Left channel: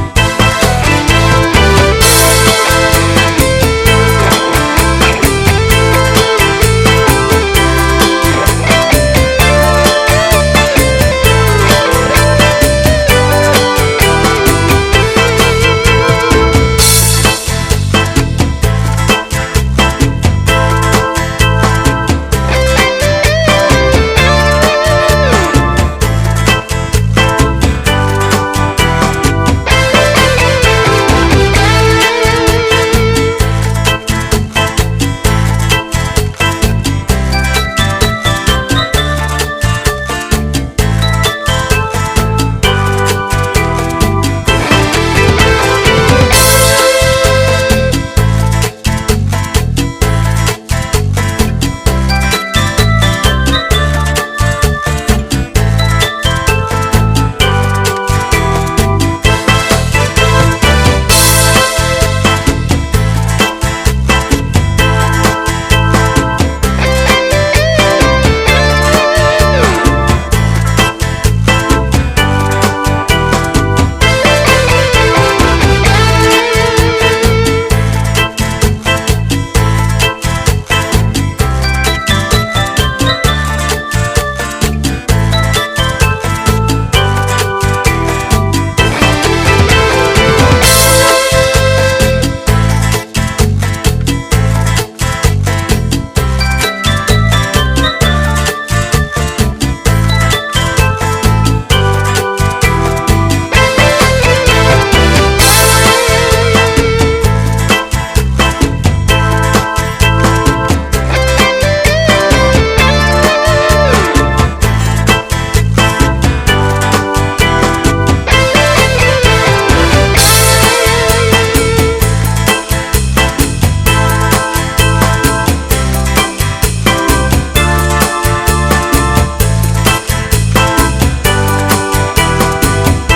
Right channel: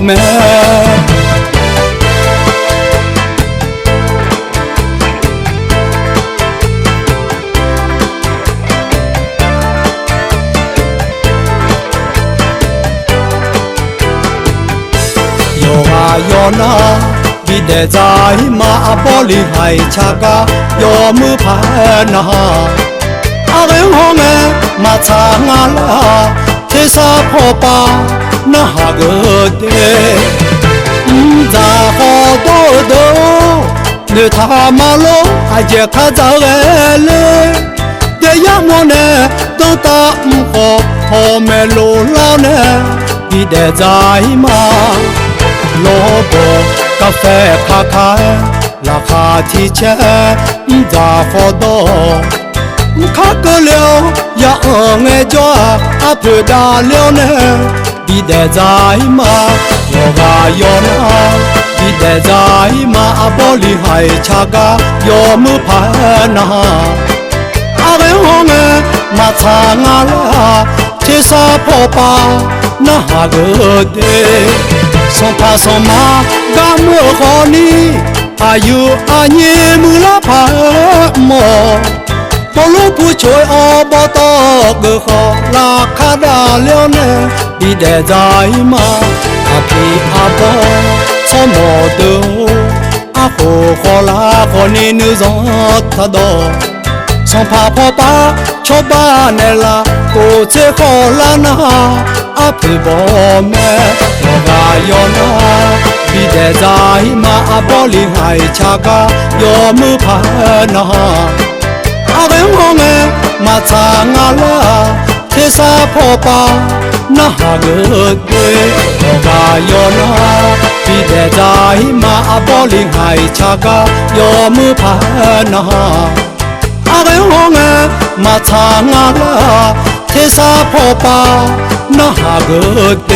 me在马玻璃海恰嘎有木盘呐，阿文红哎马查阿拉，天沙坡巴那哈个的，咋好多多，你他马路还也看到哎嘞，这样我呢都打唔好，后面路老呢，你得在马。提前咋好多，看个了呀爱着阿不大了呢，你得在嘛，我话有那，你得在嘛，阿玻璃海恰嘎有木盘呐，阿文我们马查阿拉，这沙坡巴那哈个的，上爬上马，干么好你？还有阿爷木拉帕么，公路不吹阿巴达个好拉卡达了呢，你得在嘛？阿比阿巴草木头，阿婆好拉好你女人他多，上爬坡巴桥巴内拉，不这好拉那阿皮波咩，阿哟那，你得在嘛？阿玻璃。恰嘎有木盘呐，阿文我们马查阿拉，天沙坡巴那哈个对，阿哟那，你得在嘛阿玻璃海恰嘎有木盘呐，阿文我们马查阿拉，天沙坡巴那哈个对。